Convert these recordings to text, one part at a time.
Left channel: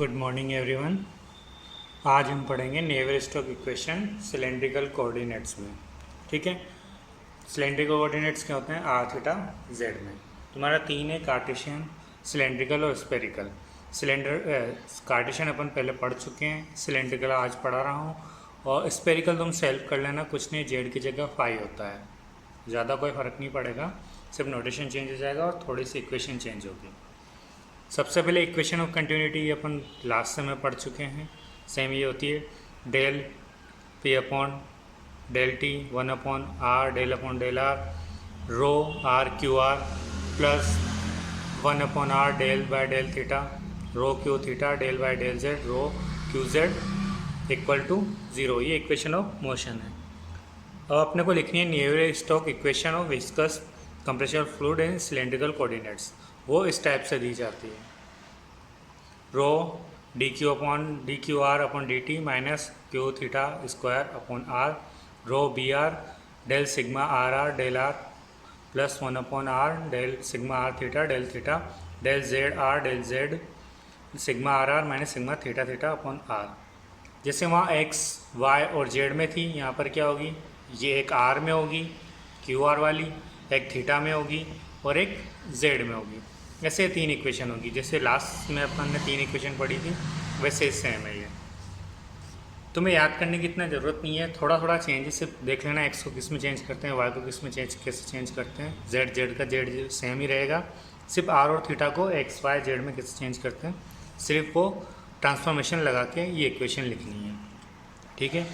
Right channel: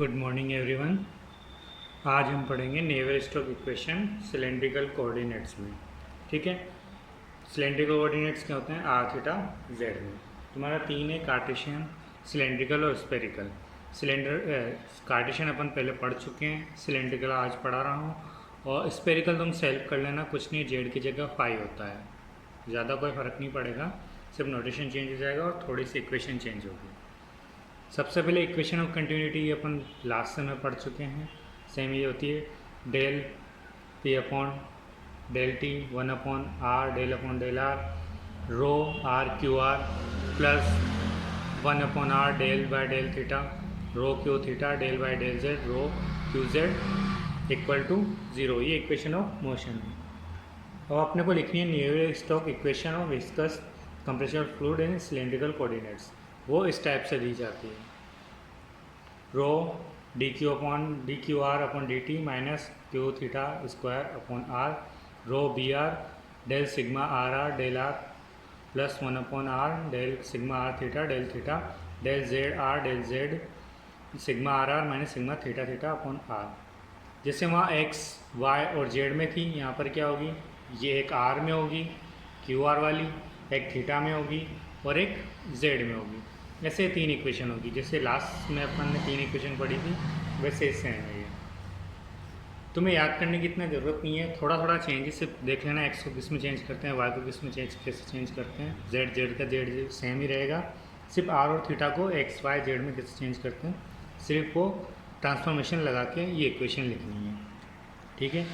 Good morning everyone. आज हम पढ़ेंगे Navier Stokes equation cylindrical coordinates में। ठीक है, सिलेंड्रिकल कोऑर्डिनेट्स क्या होते हैं? आर थीटा जेड में। तुम्हारा तीन है, कार्टेशियन, सिलेंड्रिकल और स्पेरिकल। कार्टेशियन अपन पहले पढ़ चुके हैं, सिलेंड्रिकल आज पढ़ा रहा हूँ, और स्पेरिकल तुम सेल्फ कर लेना, कुछ नहीं, जेड की जगह फाई होता है, ज़्यादा कोई फ़र्क नहीं पड़ेगा, सिर्फ नोटेशन चेंज हो जाएगा और थोड़ी सी इक्वेशन चेंज होगी। सबसे पहले इक्वेशन ऑफ कंटिन्यूटी अपन लास्ट से में पढ़ चुके हैं, सेम ये होती है del P upon del T 1/r del upon del R rho R Q R plus 1/r del by del theta rho Q theta del by del Z rho Q Z equal to 0। ये equation of motion है। अब अपने को लिखनी है Navier Stokes equation of viscous compressible fluid in cylindrical coordinates. वो इस type से दी जाती है, rho d q r upon D T minus q theta square upon r rho b r del sigma are r del r plus 1/r del sigma are theta del z Z sigma are are minus sigma theta theta upon r. जैसे वहाँ x Y और Z में थी, यहाँ पर क्या होगी? ये एक आर में होगी क्यू आर वाली, एक थीटा में होगी और एक जेड में होगी। ऐसे तीन इक्वेशन होगी, जैसे लास्ट में अपन ने तीन इक्वेशन पढ़ी थी वैसे सेम है ये। तुम्हें याद करने की इतना ज़रूरत नहीं है, थोड़ा थोड़ा चेंजेस सिर्फ देख लेना, एक्स को किस में चेंज करते हैं, वाई को किस में कैसे चेंज करते हैं, जेड का जेड सेम ही रहेगा, सिर्फ आर और थीटा को एक्स वाई जेड में कैसे चेंज करते हैं, सिर्फ वो ट्रांसफॉर्मेशन लगा के ये इक्वेशन लिखनी है। ठीक है,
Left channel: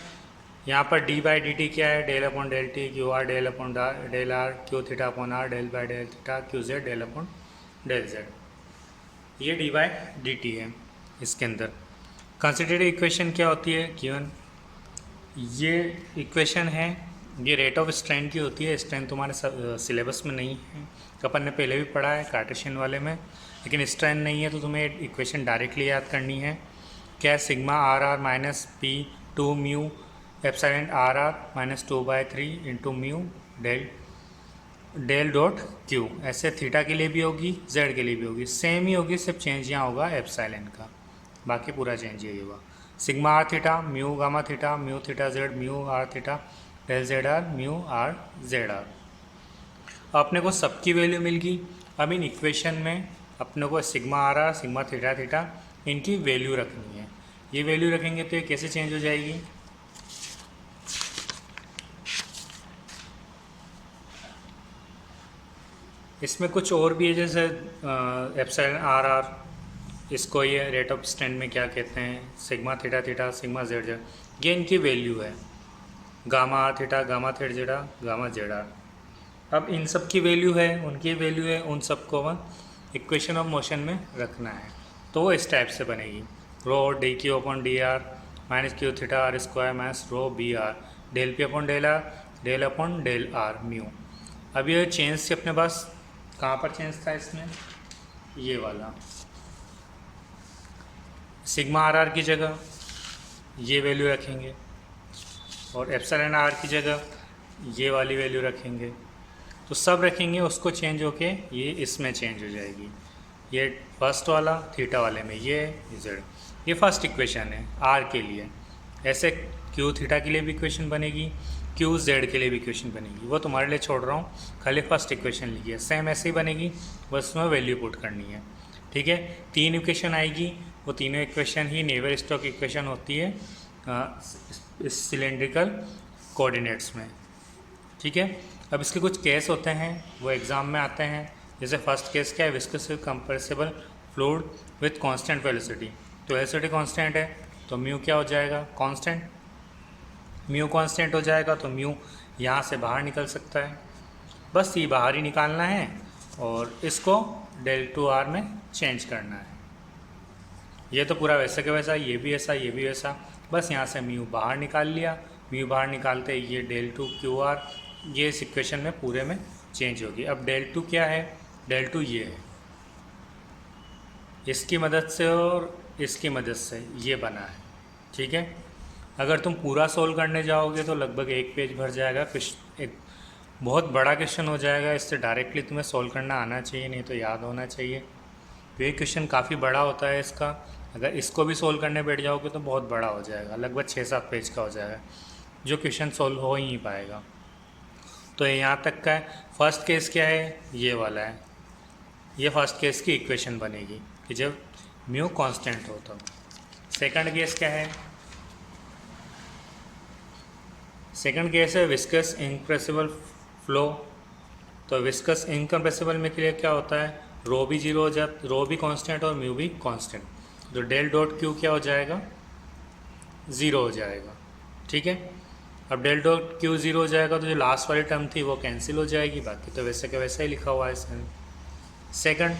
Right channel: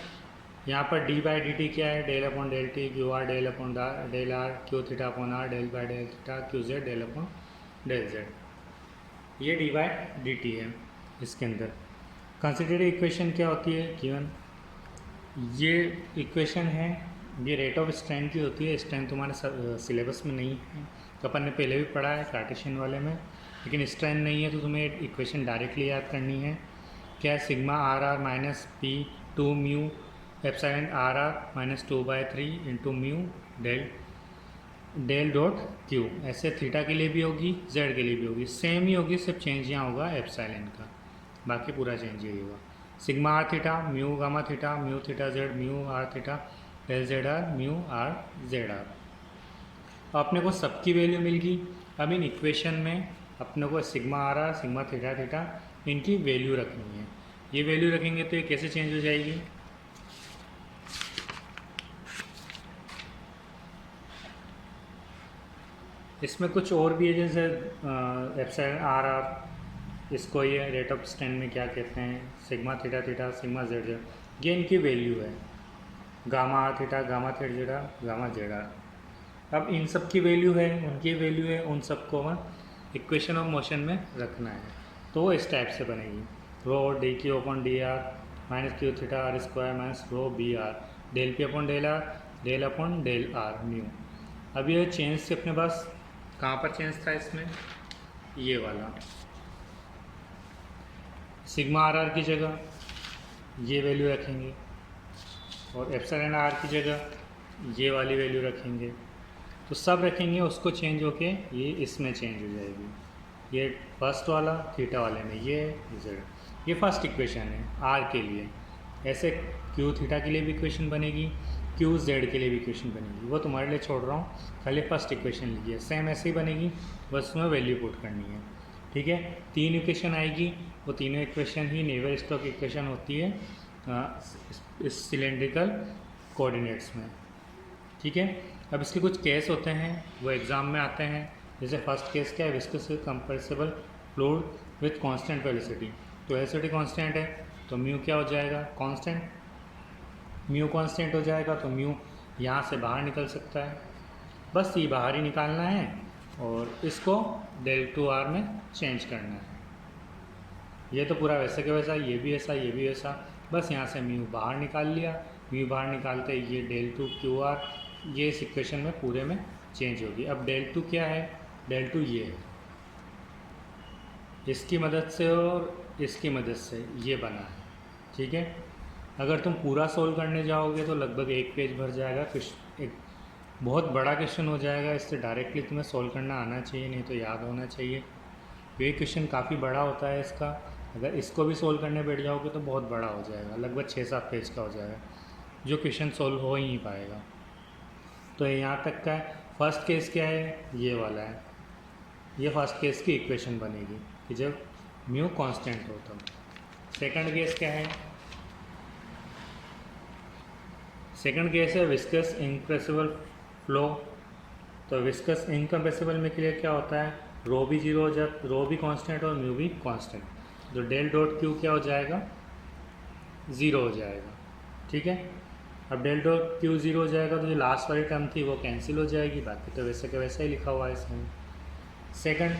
यहाँ पर डी बाई डी टी क्या है? Del upon del T Q R del upon del R Q theta upon R del by del theta Q Z del upon del Z, ये डी बाई डी टी है। इसके अंदर considered equation क्या होती है? Given ये equation है, ये रेट ऑफ स्ट्रेन की होती है। स्ट्रेन तुम्हारे सिलेबस में नहीं है, अपन ने पहले भी पढ़ा है कार्टेशियन वाले में, लेकिन स्ट्रेन नहीं है तो तुम्हें इक्वेशन डायरेक्टली याद करनी है। क्या? Sigma are are minus P 2 mu epsilon R are minus 2/3 into mu del dot Q. ऐसे थीटा के लिए भी होगी, जेड के लिए भी होगी, सेम ही होगी, सिर्फ चेंज यहाँ होगा एप्सिलॉन का, बाकी पूरा चेंज यही होगा। Sigma are theta mu gamma theta mu theta Z mu R theta del Z R mu R Z R. अपने को सबकी वैल्यू मिल गई। अब इन इक्वेशन में अपने को sigma are R sigma theta theta इनकी वैल्यू रखनी है। ये वैल्यू रखेंगे तो ये कैसे चेंज हो जाएगी? इसमें कुछ और भी है, जैसे एप्सिलॉन आर आर, इसको ये रेट ऑफ स्ट्रेन में क्या कहते हैं, sigma theta theta sigma Z z, ये इनकी वैल्यू है। Gamma r theta gamma theta zeta gamma z r. अब इन सब की वैल्यू है, उनकी वैल्यू है, उन सबको इक्वेशन ऑफ मोशन में रखना है, तो वो इस टाइप से बनेगी। Rho d q upon d r minus q theta r square minus rho b r del P upon del upon del r mu. अब ये चेंज से अपने पास कहाँ पर चेंज था? इसमें ये वाला सिग्मा आर आर की जगह ये वैल्यू रखेंगे और एप्सिलॉन आर की जगह ये वाली वैल्यू रखेंगे, तो सब रखेंगे, उसको चेंज होके ये इसमें चेंज हो जाएगी। ये फर्स्ट वाला थीटा वाले में ये जेड, ये फर्स्ट इक्वेशन है आर के लिए। ऐसे क्यू थीटा के लिए भी इक्वेशन बनेगी, क्यू जेड के लिए भी इक्वेशन बनेगी, वो तुम्हारे लिए छोड़ रहा हूँ, खाली फर्स्ट इक्वेशन लिखिए, सेम ऐसे ही बनेगी, बस उसमें वैल्यू पुट करनी है। ठीक है, तीन इक्वेशन आएगी, वो तीनों इक्वेशन ही नेवर स्टोक इक्वेशन होती है इस सिलेंड्रिकल कोऑर्डिनेट्स में। ठीक है, अब इसके कुछ केस होते हैं, वो एग्ज़ाम में आते हैं। जैसे फर्स्ट केस क्या है? Viscous compressible fluid with constant velocity. तो वेलोसिटी कांस्टेंट है तो म्यू क्या हो जाएगा? कांस्टेंट। म्यू कांस्टेंट हो जाएगा तो म्यू यहाँ से बाहर निकल सकता है, बस ये बाहर ही निकालना है और इसको डेल टू आर में चेंज करना है। ये तो पूरा वैसे का वैसा, ये भी ऐसा ये भी ऐसा, बस यहाँ से म्यू बाहर निकाल लिया। म्यू बाहर निकालते ये डेल टू क्यू आर, ये इस इक्वेशन में पूरे में चेंज होगी। अब डेल टू क्या है? डेल टू ये है, इसकी मदद से और इसकी मदद से ये बना है। ठीक है, अगर तुम पूरा सोल्व करने जाओगे तो लगभग एक पेज भर जाएगा, एक बहुत बड़ा क्वेश्चन हो जाएगा। इससे डायरेक्टली तुम्हें सोल्व करना आना चाहिए, नहीं तो याद होना चाहिए। ये क्वेश्चन काफ़ी बड़ा होता है इसका, अगर इसको भी सोल्व करने बैठ जाओगे तो बहुत बड़ा हो जाएगा, लगभग 6-7 पेज का हो जाएगा, जो क्वेश्चन सोल्व हो ही नहीं पाएगा। तो यहाँ तक का है। फर्स्ट केस क्या है, ये वाला है, ये फर्स्ट केस की इक्वेशन बनेगी कि जब म्यू कांस्टेंट हो तो। सेकंड केस क्या है, सेकंड केस है विस्कस इनकम्प्रेसिबल फ्लो। तो विस्कस इनकम्प्रेसिबल में के लिए क्या होता है, रो भी जीरो हो जाता, रो भी कांस्टेंट और म्यू भी कांस्टेंट, तो डेल डॉट क्यू क्या हो जाएगा, ज़ीरो हो जाएगा। ठीक है, अब डेल डॉट क्यू ज़ीरो हो जाएगा तो जो लास्ट वाली टर्म थी वो कैंसिल हो जाएगी, बाकी तो वैसे के वैसा ही लिखा हुआ है इसमें। सेकंड,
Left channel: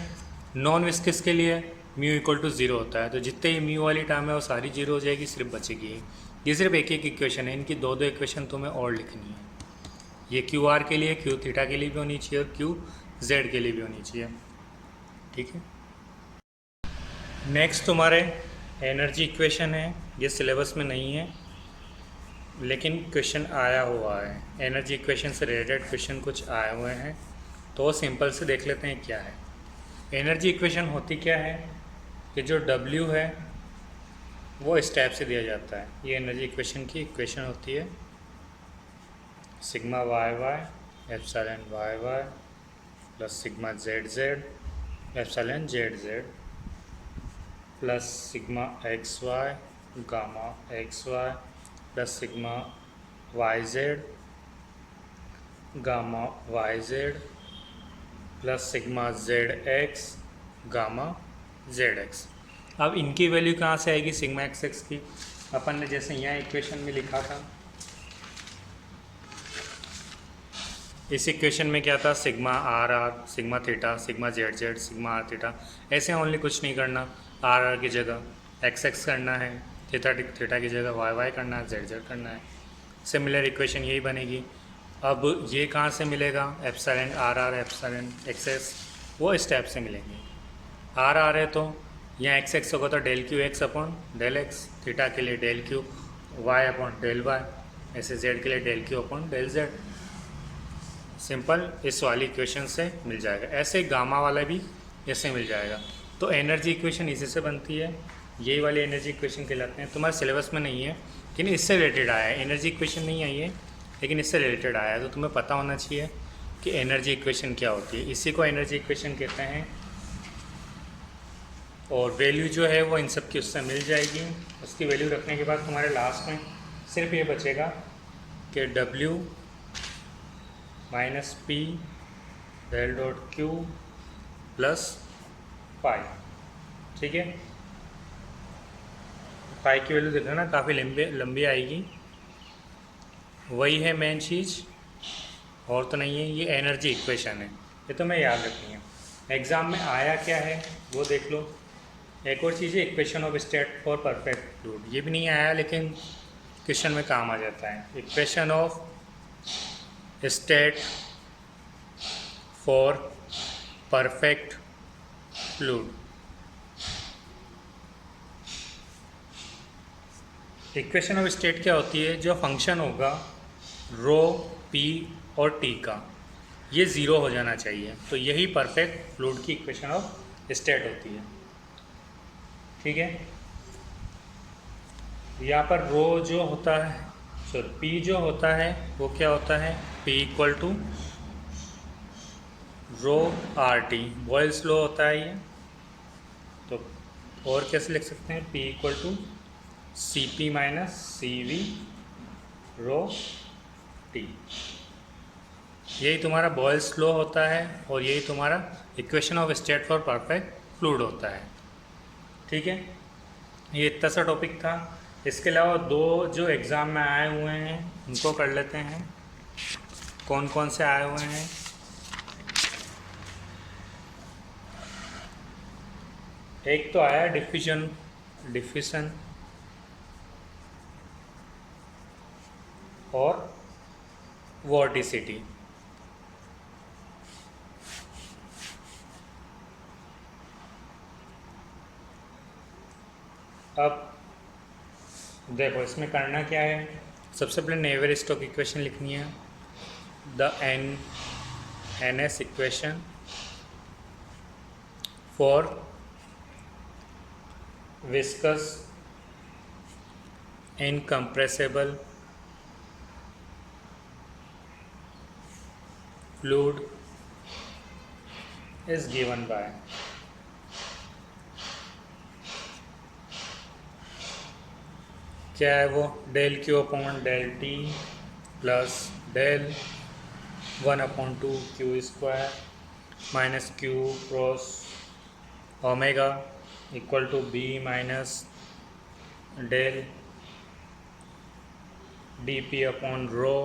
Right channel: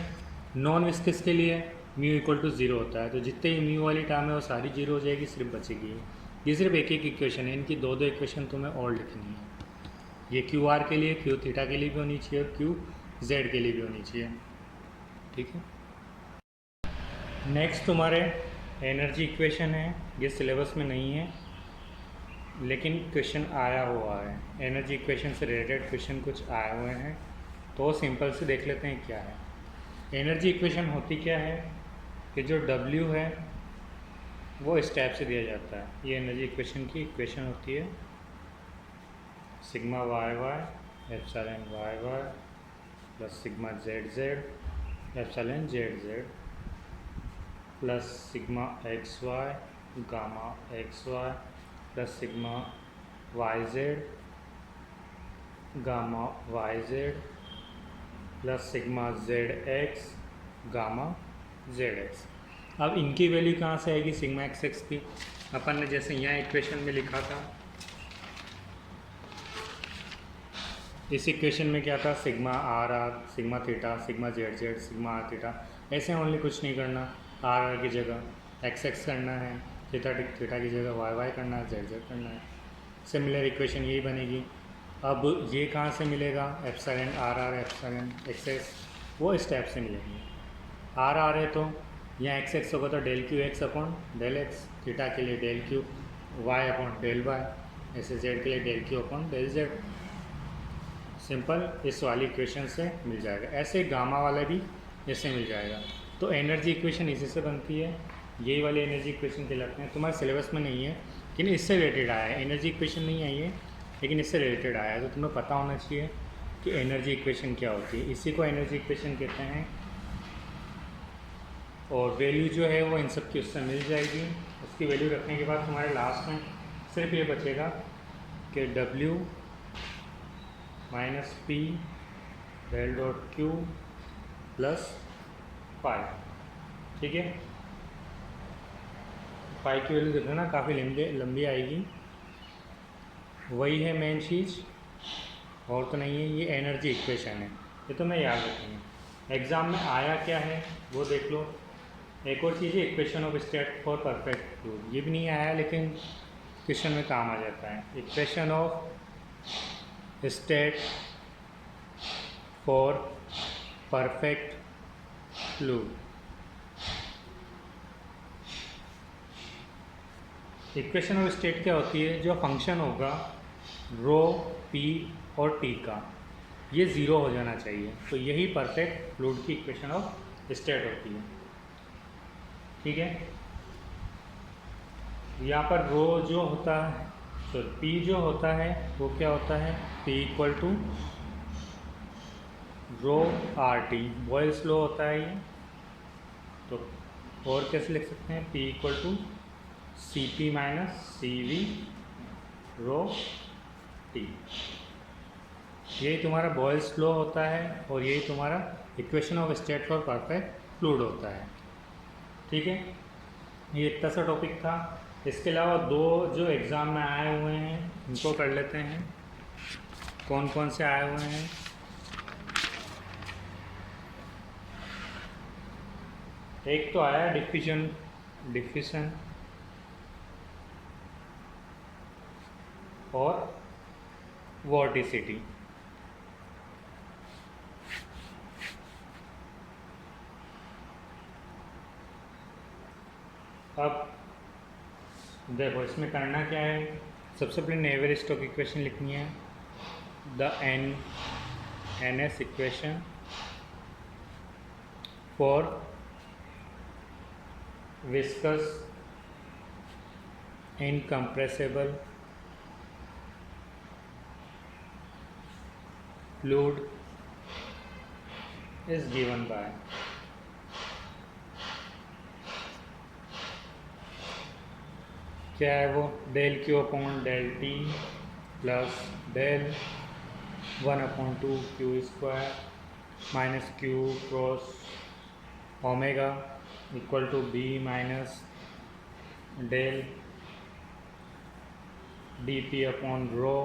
नॉन विस्कस के लिए म्यू इक्वल टू ज़ीरो होता है, तो जितने ही म्यू वाली टर्म है वो सारी जीरो हो जाएगी, सिर्फ बचेगी। ये सिर्फ एक एक इक्वेशन है, इनकी दो दो इक्वेशन तुम्हें और लिखनी है। ये क्यू आर के लिए, क्यू थीटा के लिए भी होनी चाहिए और क्यू जेड के लिए भी होनी चाहिए। ठीक है, नेक्स्ट तुम्हारे एनर्जी इक्वेशन है, ये सिलेबस में नहीं है लेकिन क्वेश्चन आया हुआ है, एनर्जी इक्वेशन से रिलेटेड क्वेश्चन कुछ आए हुए हैं, तो वो सिंपल से देख लेते हैं क्या है। एनर्जी इक्वेशन होती क्या है कि जो W है वो इस टाइप से दिया जाता है, ये एनर्जी इक्वेशन की इक्वेशन होती है, sigma Y Y epsilon Y Y plus sigma Z Z epsilon Z Z plus sigma X Y gamma X Y plus sigma Y Z gamma Y Z plus sigma Z X gamma Z X. अब इनकी value कहाँ से आएगी, sigma x x की, अपन ने जैसे यहाँ equation में लिखा था, इस इक्वेशन में क्या था, sigma are R sigma theta sigma Z Z sigma are theta, ऐसे ओनली कुछ नहीं करना, आर आर की जगह एक्स एक्स करना है, थीटा थीटा की जगह वाई वाई करना है, जेड जेड करना है। सिमिलर इक्वेशन यही बनेगी। अब ये कहाँ से मिलेगा, epsilon R R epsilon X X, वो इस टाइप से मिलेंगे। आर आर है तो यहाँ एक्स एक्स होगा तो del Q X upon del X, theta के लिए del Q Y upon del Y, ऐसे जेड के लिए del Q upon del Z. Simple इस वाली इक्वेशन से मिल जाएगा। ऐसे गामा वाला भी इससे मिल जाएगा। तो एनर्जी इक्वेशन इसी से बनती है, यही वाली एनर्जी इक्वेशन कहलाते हैं। तुम्हारे सिलेबस में नहीं है लेकिन इससे रिलेटेड आया है, एनर्जी इक्वेशन नहीं आई है लेकिन इससे रिलेटेड आया है, तो तुम्हें पता होना चाहिए कि एनर्जी इक्वेशन क्या होती है। इसी को एनर्जी इक्वेशन कहते हैं। और वैल्यू जो है वो इन सब की उससे मिल जाएगी। उसकी वैल्यू रखने के बाद तुम्हारे लास्ट में सिर्फ ये बचेगा कि W minus P del dot Q plus pi. ठीक है, पाई की वैल्यू देख लेना, काफ़ी लंबी आएगी। वही है मेन चीज़, और तो नहीं है। ये एनर्जी इक्वेशन है, ये तो मैं याद रखेंगे। एग्ज़ाम में आया क्या है वो देख लो। एक और चीज़ है equation of state for perfect fluid, ये भी नहीं आया लेकिन क्वेश्चन में काम आ जाता है। Equation of state for perfect fluid. Equation of state क्या होती है, जो फंक्शन होगा रो पी और टी का, ये ज़ीरो हो जाना चाहिए, तो यही परफेक्ट फ्लूइड की इक्वेशन ऑफ स्टेट होती है। ठीक है, यहाँ पर रो जो होता है, सॉरी पी जो होता है वो क्या होता है, P equal to rho R T, Boyle's law होता है ये। तो और कैसे लिख सकते हैं, P equal to C P minus C V rho T. यही तुम्हारा बॉयल्स लॉ होता है और यही तुम्हारा equation of state for perfect fluid होता है। ठीक है, ये इतना सा टॉपिक था। इसके अलावा दो जो एग्ज़ाम में आए हुए हैं उनको कर लेते हैं। कौन कौन से आए हुए हैं, एक तो आया डिफ्यूजन और वॉर्टिसिटी। अब देखो इसमें करना क्या है, सबसे पहले नेवियर-स्टोक्स इक्वेशन लिखनी है, the N S equation for viscous incompressible fluid is given by क्या है वो, del Q upon del T plus del 1/2 Q square minus Q cross omega equal to B minus del D P upon rho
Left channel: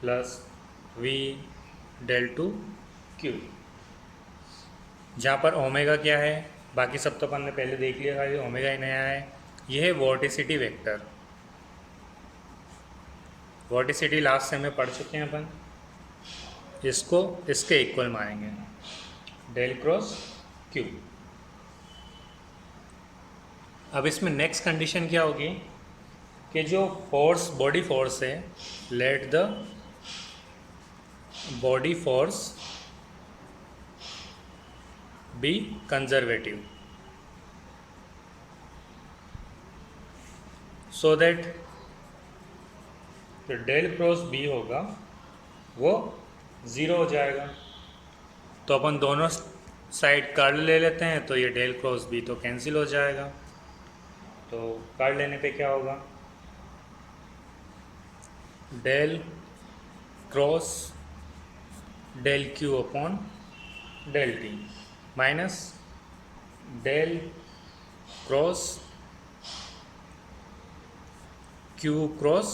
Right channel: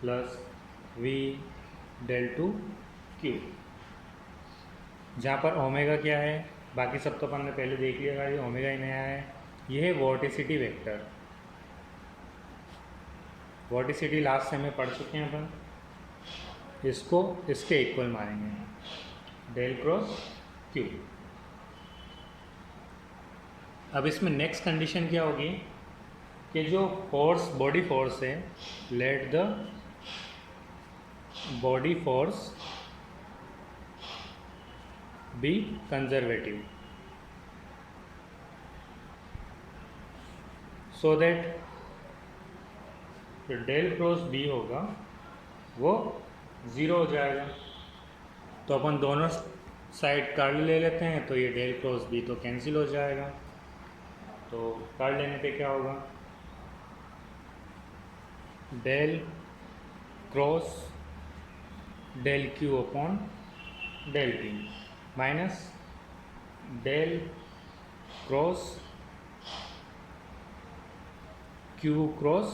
plus we del two Q, जहाँ पर omega क्या है, बाकी सब तो अपन ने पहले देख लिया था, ओमेगा ही नया है। ये है वॉर्टिसिटी वेक्टर, वॉर्टिसिटी लास्ट सेम में पढ़ चुके हैं अपन, इसको इसके इक्वल मानेंगे डेल क्रॉस क्यू। अब इसमें नेक्स्ट कंडीशन क्या होगी कि जो फोर्स बॉडी फोर्स है, let the body force B conservative so that जो डेल क्रॉस बी होगा वो ज़ीरो हो जाएगा। तो अपन दोनों साइड कर्ल ले लेते हैं, तो ये डेल क्रॉस बी तो कैंसिल हो जाएगा। तो कर्ल लेने पे क्या होगा, del cross del Q upon del T minus del cross Q cross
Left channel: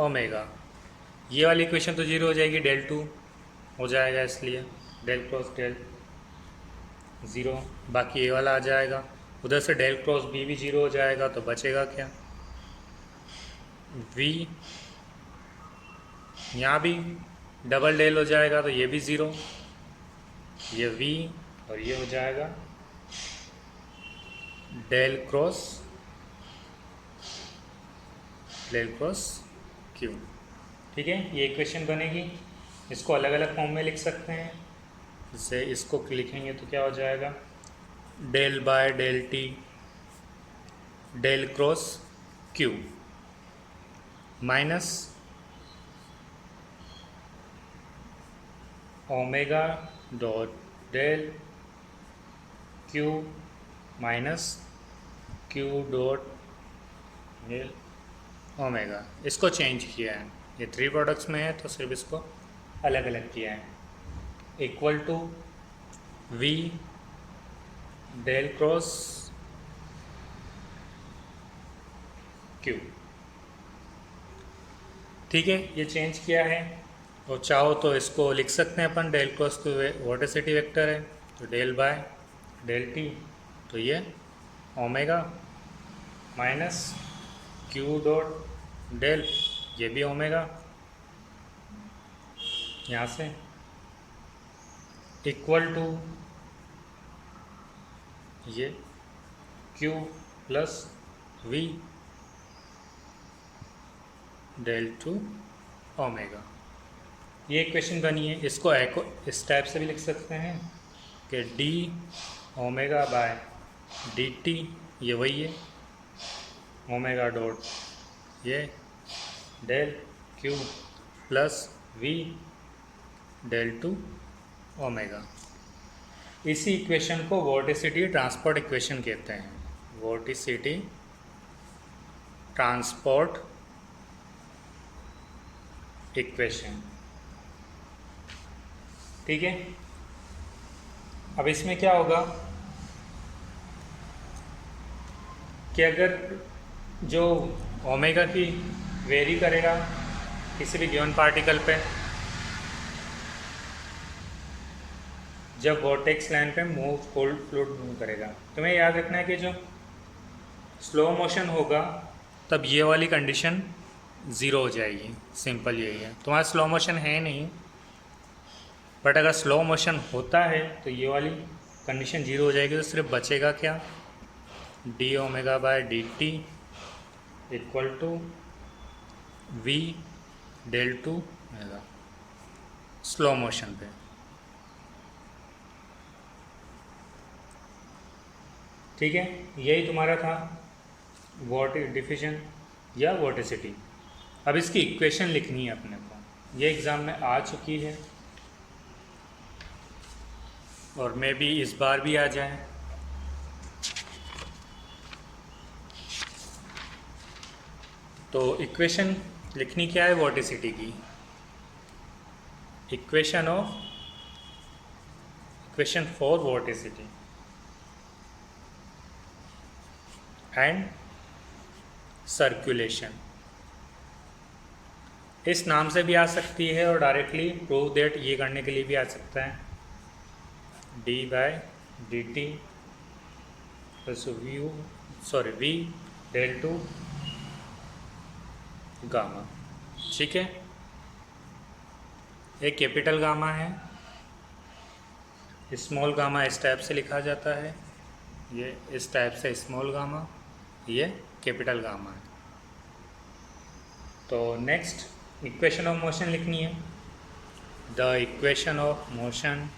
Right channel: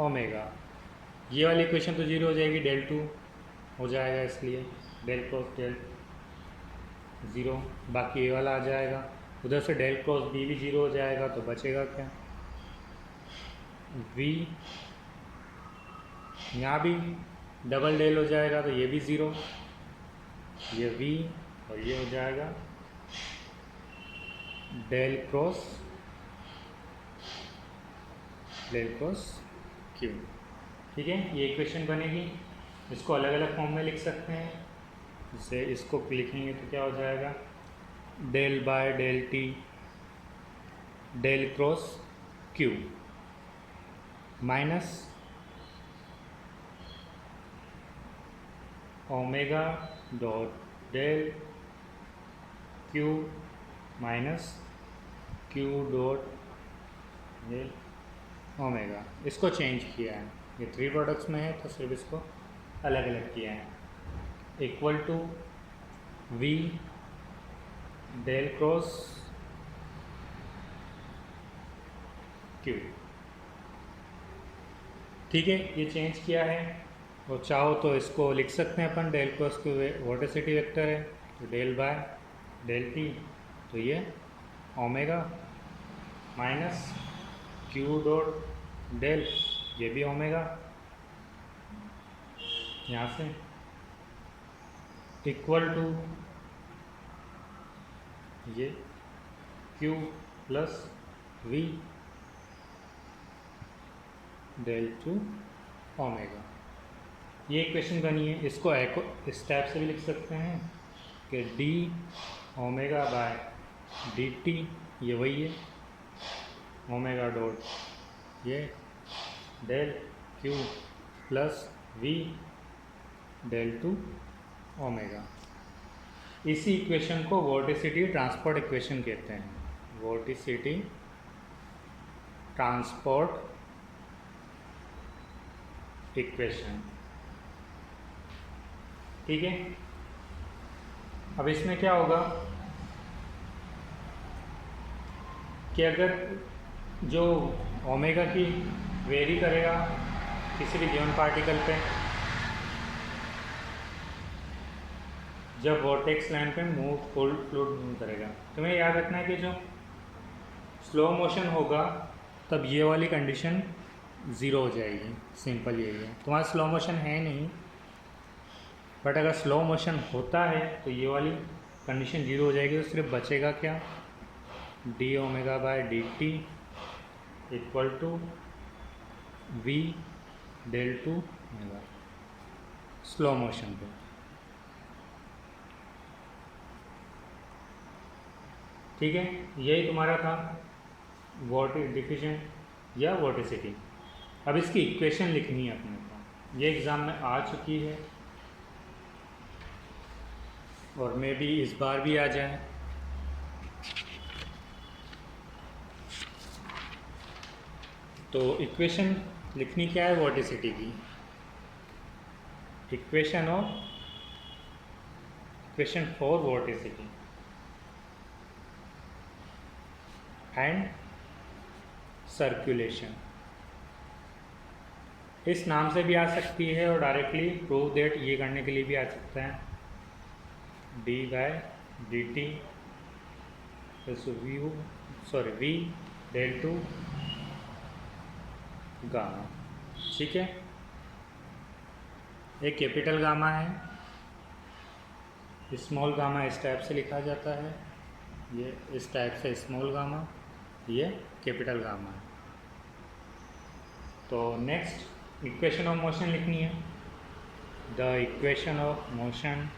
omega. ये वाली इक्वेशन तो जीरो हो जाएगी, डेल टू हो जाएगा, इसलिए डेल क्रॉस डेल ज़ीरो, बाकी ये वाला आ जाएगा। उधर से डेल क्रॉस बी भी जीरो हो जाएगा, तो बचेगा क्या, वी, यहाँ भी डबल डेल हो जाएगा तो ये भी ज़ीरो, ये वी और ये हो जाएगा डेल क्रॉस क्यू। ठीक है, ये इक्वेशन बनेगी। इसको अलग अलग फॉर्म में लिख सकते हैं, जैसे इसको लिखेंगे तो क्या हो जाएगा, del by del T del cross Q minus omega dot del Q minus Q dot del omega. इसको चेंज किया है, ये थ्री प्रोडक्ट्स में है तो सिर्फ इसको अलग अलग किया है, equal to we del cross Q. ठीक है, ये चेंज किया है। और चाहो तो इसको लिख सकते हैं अपन, del cross Q vorticity vector है तो डेल बाय डेल टी, तो ये omega minus Q dot del, ये भी ओमेगा, यहाँ से इक्वल टू ये Q plus we del two omega. ये इक्वेशन बनी है। इसको इस टाइप से भी लिख सकते हैं कि D omega by D T, ये वही है ओमेगा डॉट ये del Q plus we del two omega. इसी इक्वेशन को वॉर्टिसिटी ट्रांसपोर्ट इक्वेशन कहते हैं, वॉर्टिसिटी ट्रांसपोर्ट इक्वेशन। ठीक है, अब इसमें क्या होगा कि अगर जो ओमेगा की वेरी करेगा किसी भी गिवन पार्टिकल पे, जब वॉर्टेक्स लाइन पे मूव फ्लूइड मूव करेगा, तुम्हें याद रखना है कि जो स्लो मोशन होगा तब ये वाली कंडीशन ज़ीरो हो जाएगी। सिंपल यही है, तुम्हारा स्लो मोशन है नहीं, बट अगर स्लो मोशन होता है तो ये वाली कंडीशन ज़ीरो हो जाएगी। तो सिर्फ बचेगा क्या, D omega by D T equal to we del two omega slow motion पे। ठीक है, यही तुम्हारा था वॉट डिफिशन या वॉटिसिटी। अब इसकी इक्वेशन लिखनी है अपने को, ये एग्ज़ाम में आ चुकी है और मे बी इस बार भी आ जाए। तो इक्वेशन लिखनी क्या है वॉटिसिटी की, इक्वेशन फॉर वॉटिसिटी एंड सर्कुलेशन, इस नाम से भी आ सकती है और डायरेक्टली प्रूव दैट ये करने के लिए भी आ सकता है, D by D T plus we del two gamma. ठीक है, एक कैपिटल गामा है, स्मॉल गामा इस टाइप से लिखा जाता है, ये इस टाइप से स्मॉल गामा, ये कैपिटल गामा है। तो नेक्स्ट इक्वेशन ऑफ मोशन लिखनी है, the equation of motion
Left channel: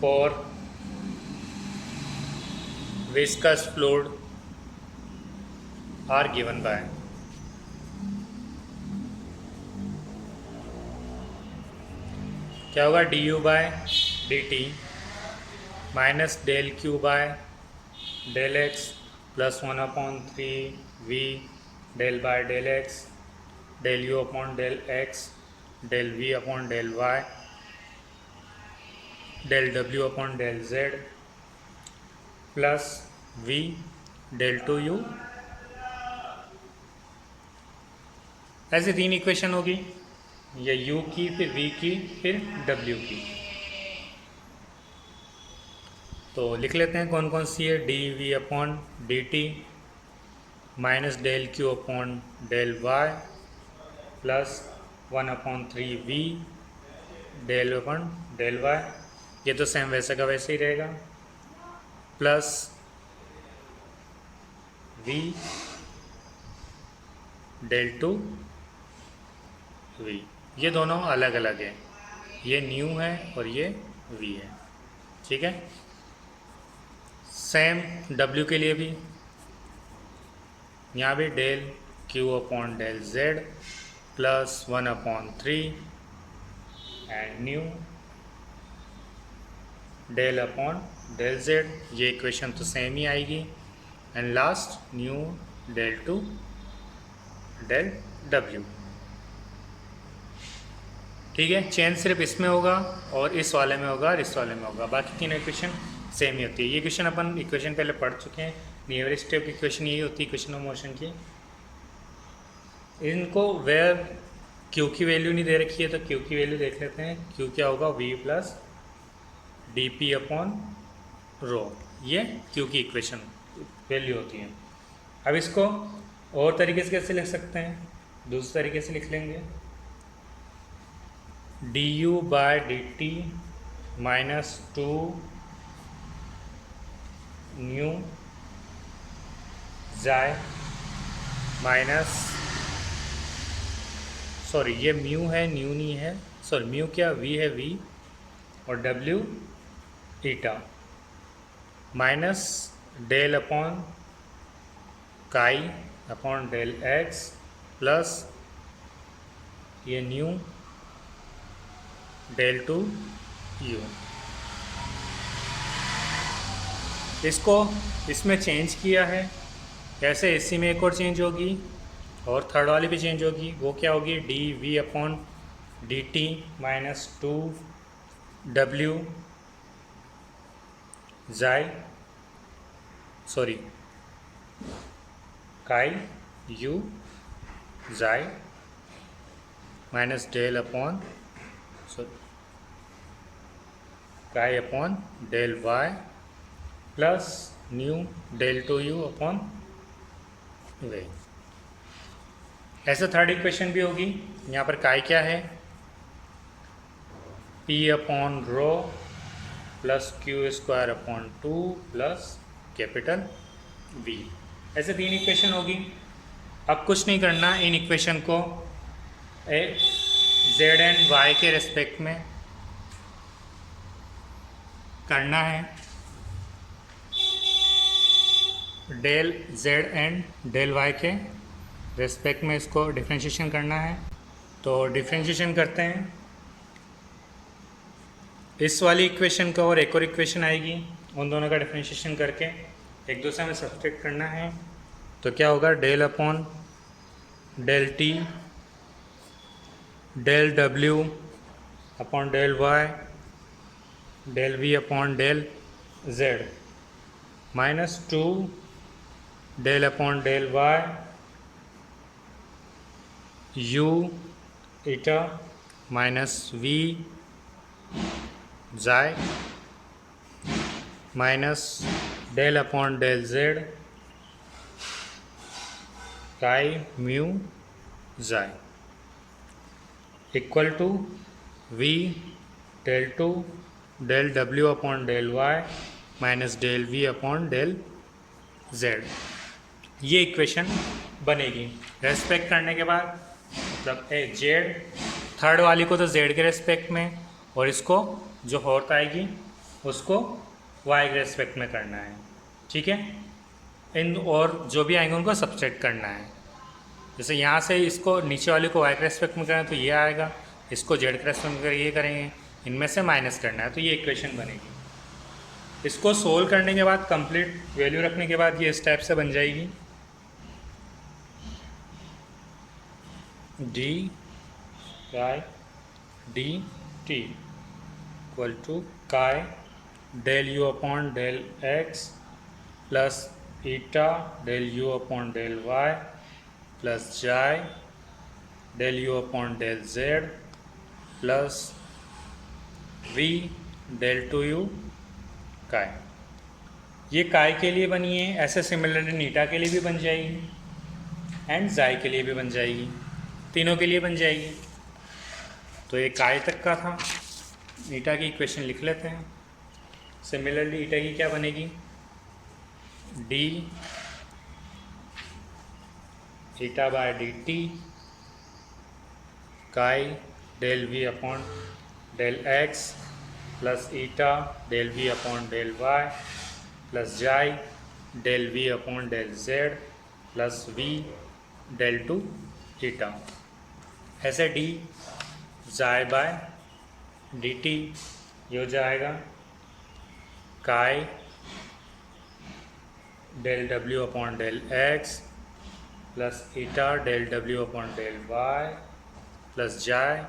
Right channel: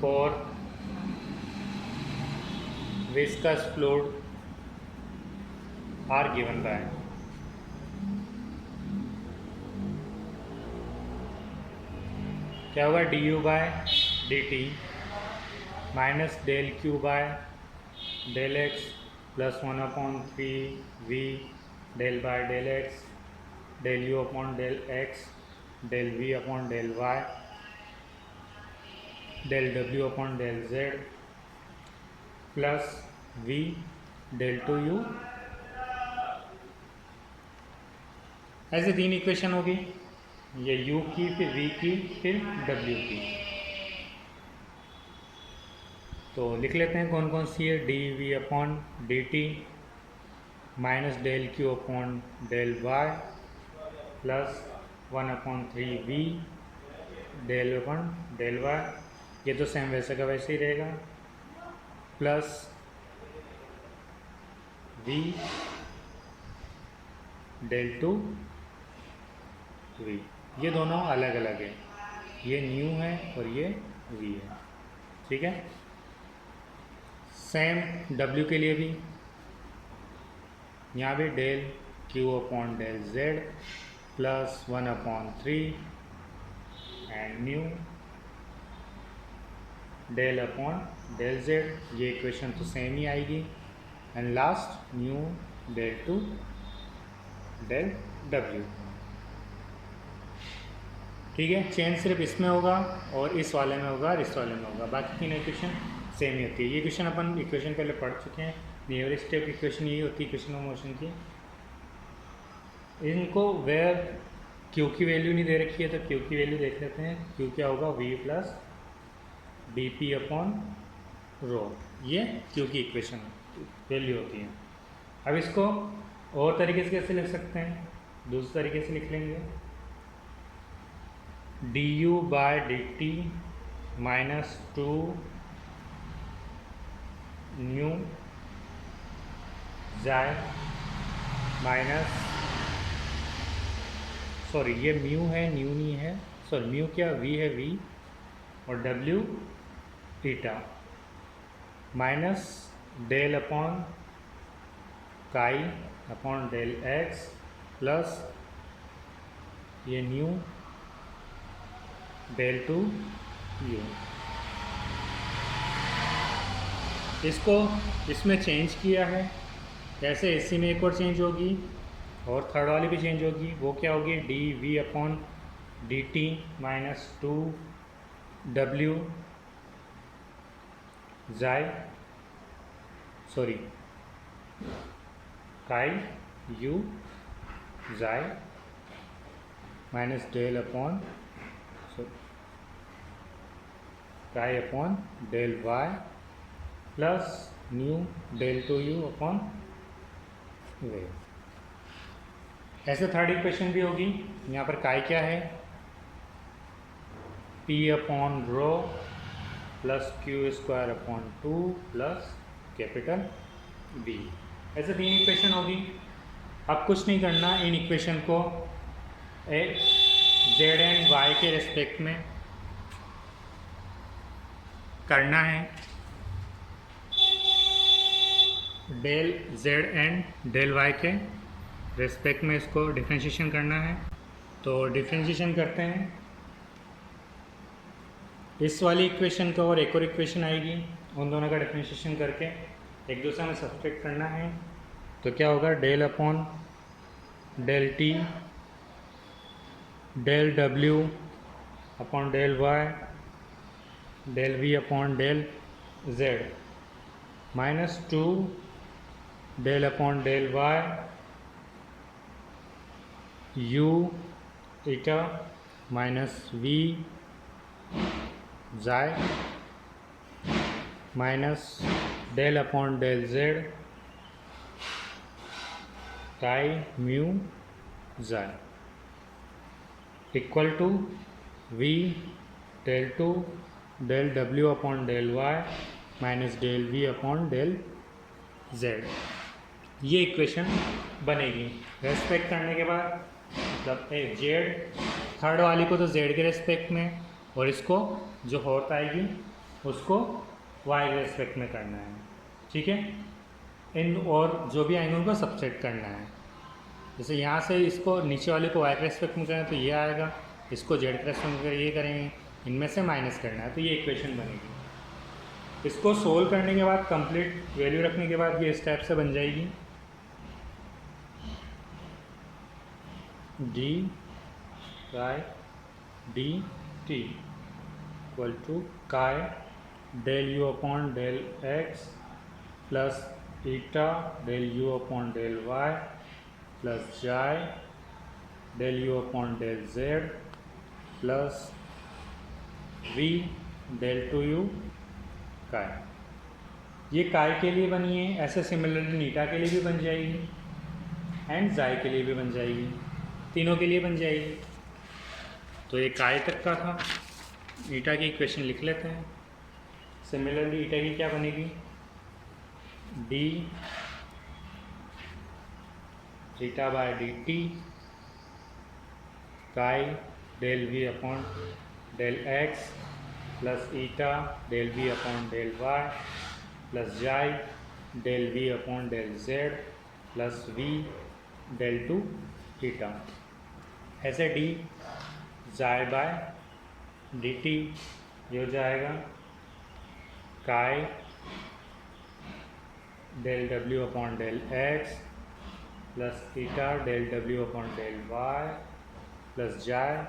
for viscous fluid are given by, क्या होगा, D you by D T minus del Q by del x plus 1/3 V del by del X del U upon del X del we upon del Y del W upon del Z plus we del two U. ऐसे 3 equation होगी, ये u की, फिर v की, फिर w की। तो लिख लेते हैं कौन कौन सी है, D we upon D T minus del Q upon del Y plus 1/3 V del upon del Y, ये तो सेम वैसे का वैसे ही रहेगा, plus we del two V, ये दोनों अलग अलग है, ये न्यू है और ये वी है। ठीक है, सेम W के लिए भी, यहाँ भी del Q upon del Z plus 1/3 and nu del upon del Z, ये इक्वेशन तो सेम ही आएगी, and last nu del two del W। ठीक है, चेंज सिर्फ इसमें होगा और इस वाले में होगा और इस वाले में होगा, बाकी तीनों इक्वेशन सेम ही होती है। ये इक्वेशन अपन इक्वेशन पहले पढ़ चुके हैं, नियरेस्ट स्टेप की इक्वेशन यही होती है इक्वेशन ऑफ मोशन की। इनको वेयर क्यू की वैल्यू नहीं दे रखी है तो क्यू की वैल्यू देख लेते हैं, क्यू क्या होगा, V plus D P upon rho, ये क्यू की इक्वेशन वैल्यू होती है। अब इसको और तरीके से कैसे लिख सकते हैं, दूसरे तरीके से लिख लेंगे, D you by D T minus 2 nu xi minus, sorry ये म्यू है न्यू नहीं है, सॉरी म्यू क्या, वी है वी और W eta minus del upon chi upon del x plus ये न्यू डेल टू यू। इसको इसमें चेंज किया है, कैसे, इसी में एक और चेंज होगी और थर्ड वाली भी चेंज होगी, वो क्या होगी, d we upon D T minus 2 डब्ल्यू xi, sorry chi u xi minus del upon chi upon del Y plus nu del two u upon way. ऐसे थर्ड इक्वेशन भी होगी, यहाँ पर काई क्या है, P upon rho plus Q square upon 2 plus capital V. ऐसे 3 equation होगी। अब कुछ नहीं करना, इन इक्वेशन को जेड एंड वाई के रिस्पेक्ट में करना है del Z and del Y के रेस्पेक्ट में इसको डिफ्रेंशिएशन करना है। तो डिफ्रेंशिएशन करते हैं, इस वाली इक्वेशन का और एक और इक्वेशन आएगी, उन दोनों का डिफ्रेंशिएशन करके एक दूसरे में सब्सट्रैक्ट करना है। तो क्या होगा, del upon del T del W upon del Y del we upon del z minus 2 del upon del y u eta minus v xi minus del upon del z chi mu xi equal to we del two del W upon del y minus del we upon del Z. ये equation बनेगी। Respect करने के बाद मतलब Z third वाली को तो Z के रेस्पेक्ट में और इसको जो फोर्थ आएगी उसको वाई के रेस्पेक्ट में करना है, ठीक है। इन और जो भी आएंगे उनको सब्सट्रैक्ट करना है। जैसे यहाँ से इसको नीचे वाले को वाई के रेस्पेक्ट में करें तो ये आएगा, इसको जेड के रेस्पेक्ट में ये करेंगे, इनमें से माइनस करना है, तो ये इक्वेशन बनेगी। इसको सोल्व करने के बाद कंप्लीट वैल्यू रखने के बाद ये इस टाइप से बन जाएगी, D chi D T equal to chi del U upon del x plus eta del U upon del Y plus xi del U upon del Z plus we del two U chi. ये काई के लिए बनी है, ऐसे similarly नीटा के लिए भी बन जाएगी एंड जाई के लिए भी बन जाएगी, तीनों के लिए बन जाएगी। तो ये काई तक का था। ईटा की इक्वेशन लिख लेते हैं। सिमिलरली ईटा की क्या बनेगी, d eta by D t chi del we upon del x plus eta del we upon del Y plus xi del we upon del Z plus we del two eta. ऐसे d जाई bye D T ये हो जाएगा chi del W upon del x plus eta del W upon del Y plus xi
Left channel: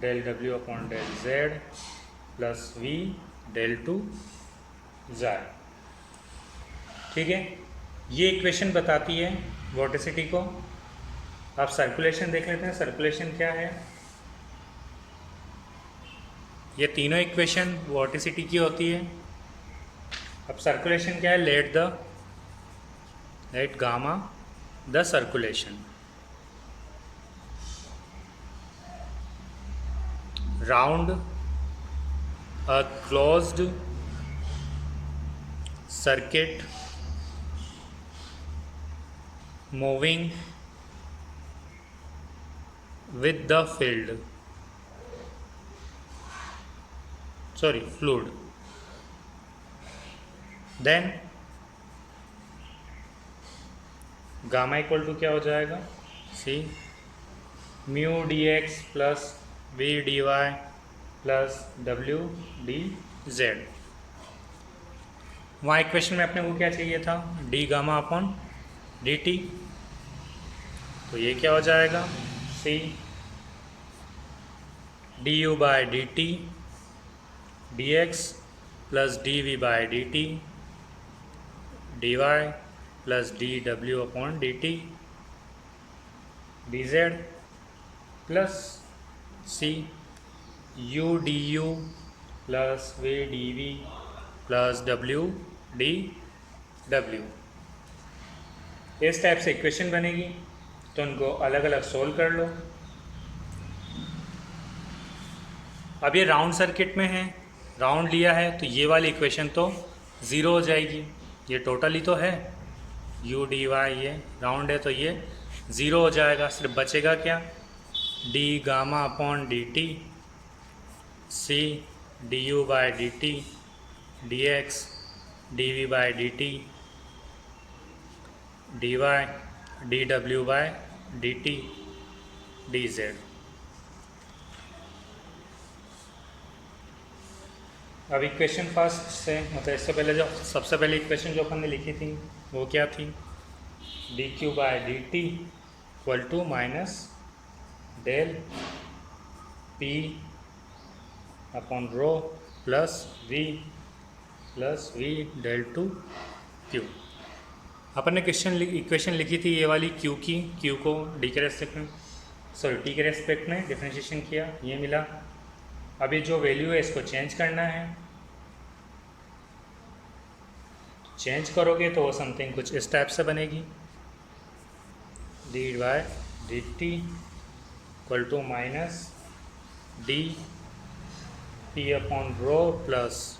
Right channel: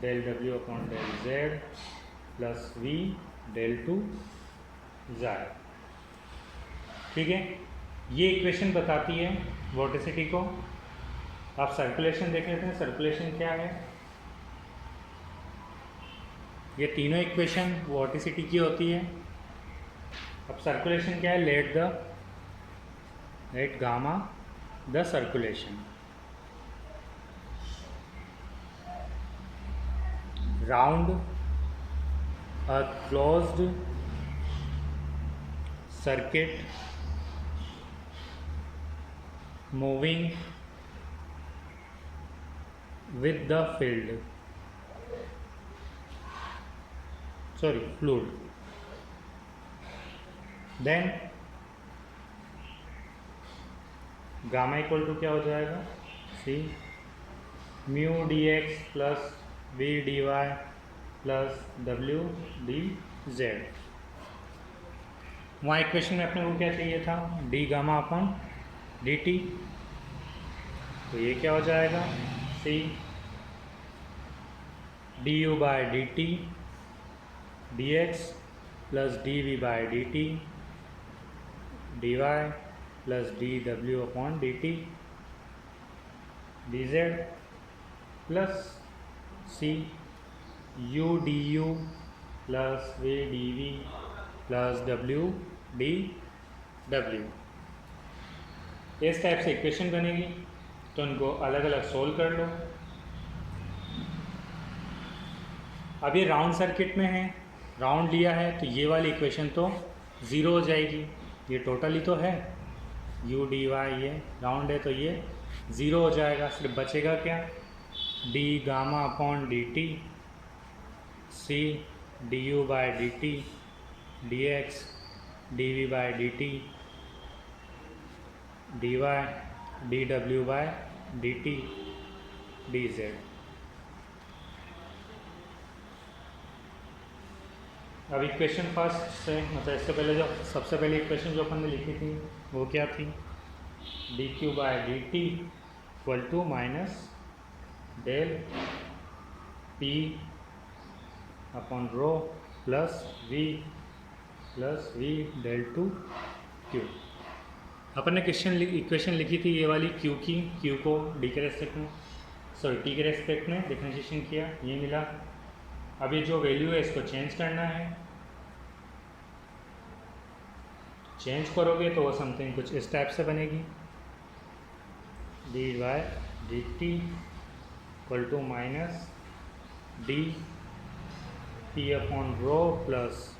del W upon del Z plus we del two xi, ठीक है। ये equation बताती है वोर्टिसिटी को। आप सर्कुलेशन देख लेते हैं, सर्कुलेशन क्या है। ये तीनों इक्वेशन वोर्टिसिटी की होती है। अब सर्कुलेशन क्या है, let gamma the circulation round a closed circuit moving with the fluid then gamma equal to क्या हो जाएगा, c mu d x plus we d y plus W d z. वहाँ इक्वेशन में अपने को क्या चाहिए था, d gamma upon D t. तो ये क्या हो जाएगा, c D you by D T d x plus d v by D T d y plus D W upon D T D Z plus C U D U plus we D V plus W D W. इस type से equation बनेगी। तो उनको अलग अलग solve कर लो। अब ये राउंड सर्किट में है, राउंड लिया है, तो ये वाली इक्वेशन तो ज़ीरो हो जाएगी। ये टोटली तो है यू डी वाई, ये राउंड है तो ये ज़ीरो हो जाएगा। सिर्फ बचेगा क्या, D gamma upon D T C D U by D T dx dv by dt dy dw by dt dz। अब इक्वेशन फर्स्ट से मतलब इससे पहले जो सबसे पहले इक्वेशन जो अपन ने लिखी थी वो क्या थी, D Q by D T equal to minus del P upon rho plus we del two Q. अपन ने इक्वेशन लिखी थी ये वाली क्यू की, क्यू को डी के रेस्पेक्ट में टी के रेस्पेक्ट में डिफरेंशिएशन किया, ये मिला। अभी जो वैल्यू है इसको चेंज करना है, चेंज करोगे तो वो समथिंग कुछ इस टाइप से बनेगी, D by D T equal to minus D P upon rho plus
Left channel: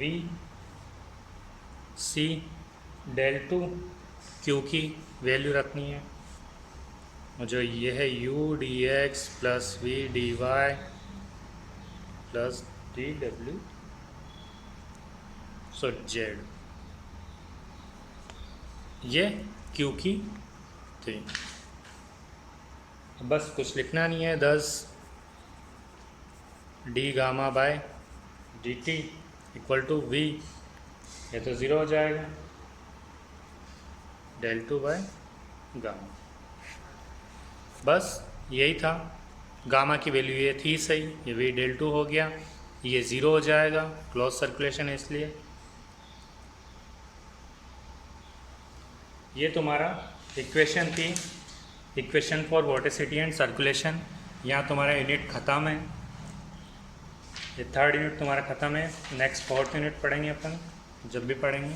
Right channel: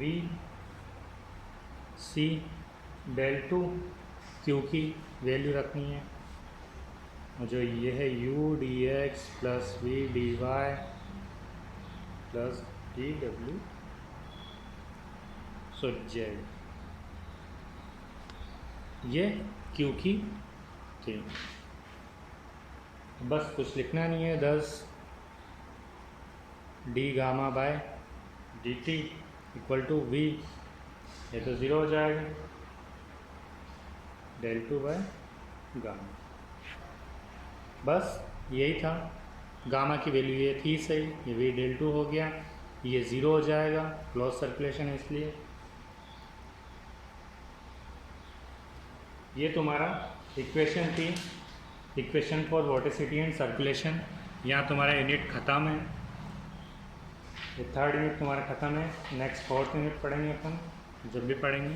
V C del two Q की वैल्यू रखनी है, जो ये है u dx plus v dy plus dw z, ये q की थी। बस कुछ लिखना नहीं है, 10 d gamma by D T equal to v, ये तो 0 हो जाएगा, डेल टू बाय गामा। बस यही था, गामा की वैल्यू ये थी सही, ये वी डेल टू हो गया, ये 0 हो जाएगा, क्लोज सर्कुलेशन है इसलिए। ये तुम्हारा इक्वेशन थी, equation for vorticity and circulation. यहाँ तुम्हारा यूनिट ख़त्म है, ये 3rd यूनिट तुम्हारा ख़त्म है। नेक्स्ट 4th यूनिट पढ़ेंगे अपन, जब भी पढ़ेंगे।